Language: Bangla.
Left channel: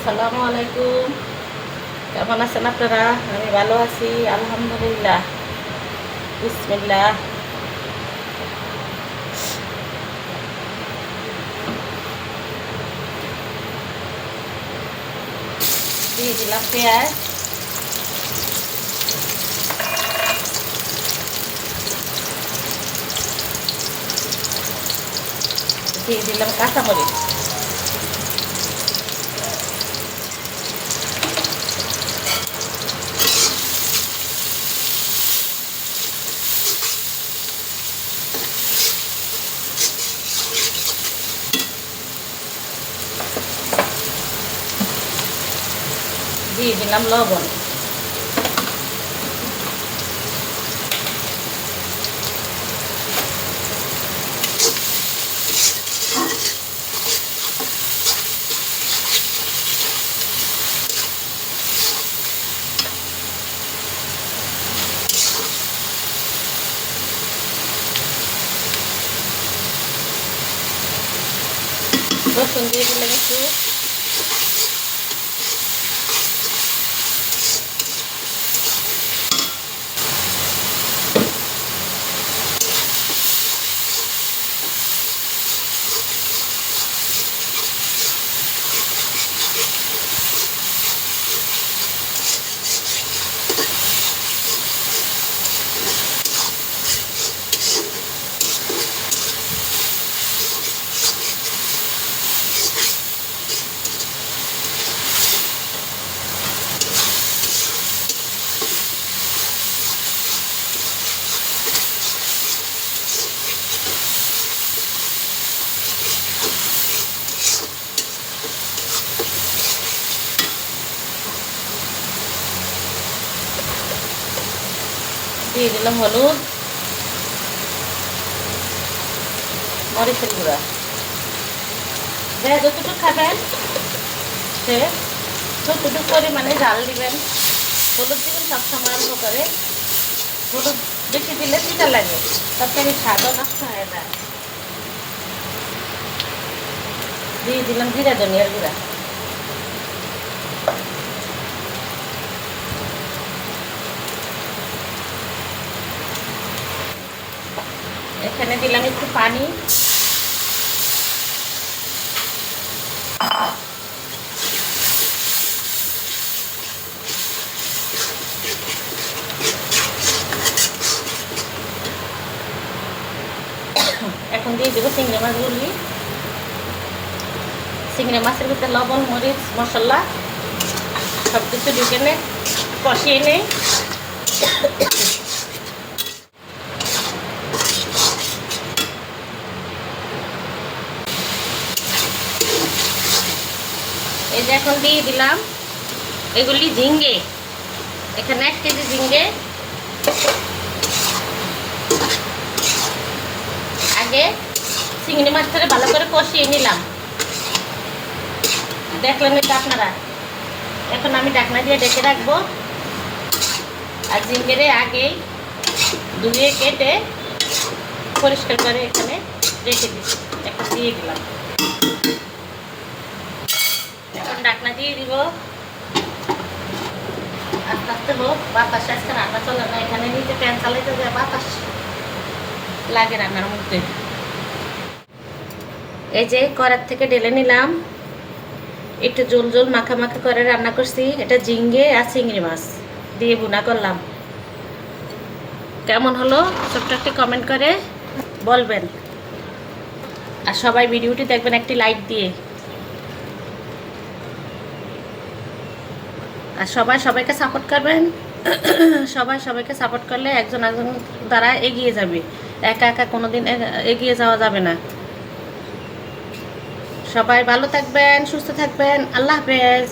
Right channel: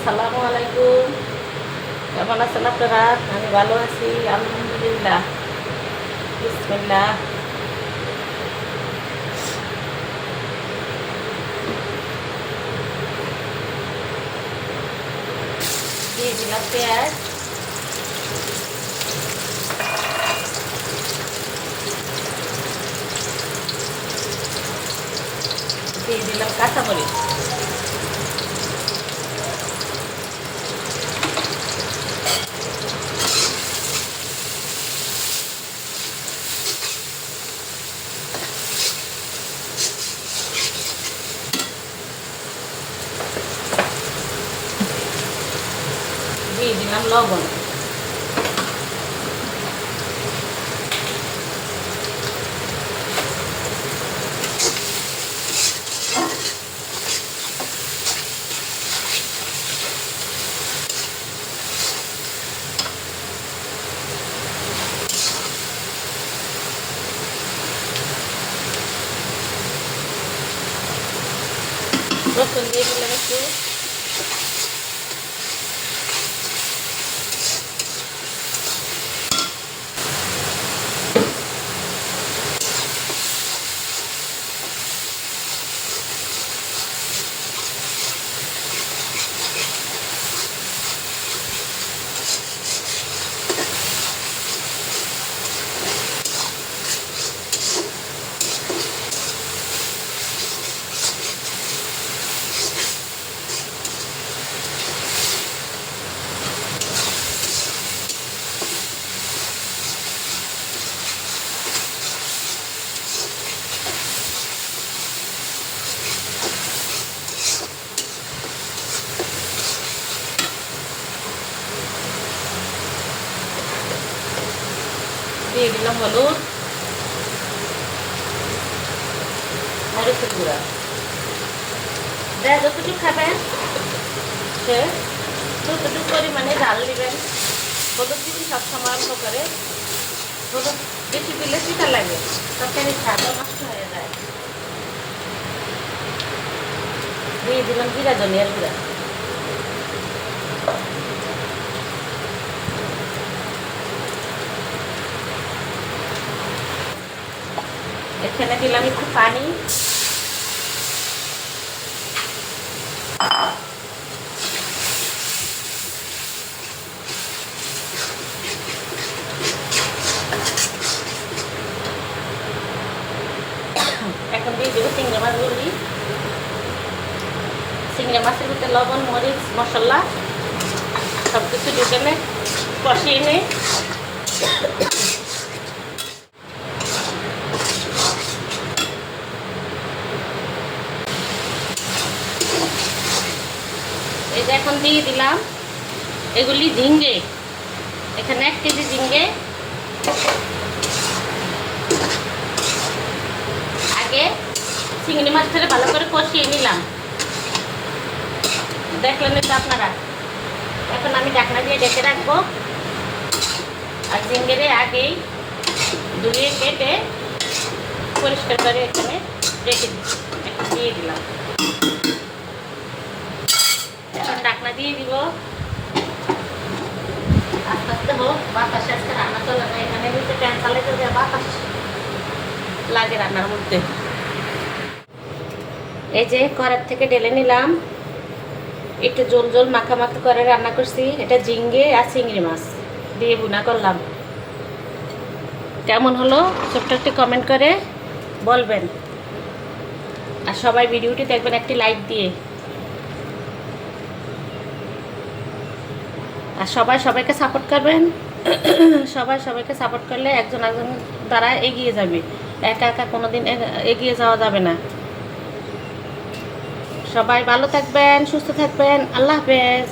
আসসালামু আলাইকুম। কেমন আছেন আপনারা? আমি ভালো আছি আলহামদুলিল্লাহ। বিসমিল্লাহ। দিয়ে দিলাম পেঁয়াজ, দিয়ে দিলাম কাঁচামরিচ, দিয়ে দিলাম লবণ, রসুন দিয়ে দিলাম একটু, দিয়ে দিলাম হলুদ, মরিচের গুঁড়া। যতটুকু খাবেন সে ততটুকু পরিমাণে ডাল দিবেন। হলুদ দিবেন সবসময় অল্প করে, হলুদ বেশি দিলে তিতা লাগে, তরকারির স্বাদও নষ্ট হয়ে যায়। দিয়ে দিলাম জিরা ধনিয়ার গুঁড়া, এখানে দিলাম একটু পানি, এখন দিয়ে দেবো চিংড়ি মাছগুলি। চিংড়ি মাছের ভিতরে লবণ মরিচ মশলা সব কিছু ঢুকে নে কষিয়ে নেই। এই যে এখন দিয়ে দিলাম এগুলি ঝিঙ্গে, এখানে 1 কেজি ঝিঙ্গে। আগে চিংড়ি মাছটা ভালো করে কষিয়ে নিলাম, দেখলেন তো আপনারা। এখন আমি ঢাকনা দিয়ে ঢেকে রাখবো। আর ঝিঙ্গেরে আগেই ধুয়ে কেটে পরিষ্কার করে এখানে রেখে দিই, এখন দিয়ে দিলাম। এখন ঢাকনা দিয়ে দিব, আস্তে আস্তে হোক। বাতাস আজকে রান্না চলে না, এখানে নিচে প্যান চালাইতে দেওয়া বাতাস লাগে রান্নার মধ্যে। এই যে কড়ার থেকে ঢেলে নিলাম, একটু জোল জোল মাখা মাখা করে রান্না করছি। এটা ঝিঙ্গে আর চিংড়ি মাছ দিয়ে ভুনা করলাম। কেমন হলো ছোট্ট একটি কমেন্ট করে বলবেন। আর সবাই ভিডিওটি দেখবেন একটি লাইক দিয়ে। আর সবাই সবাইকে সাপোর্ট করবেন। সবাই সবাইকে সাপোর্ট করলে একজন একজন দ্বারা এগিয়ে যাবে, একা একা কোনোদিন এগিয়ে যাওয়া যাবে না। সবাই ভালো থাকবেন, সুস্থ থাকবেন। আল্লাহ হাফেজ।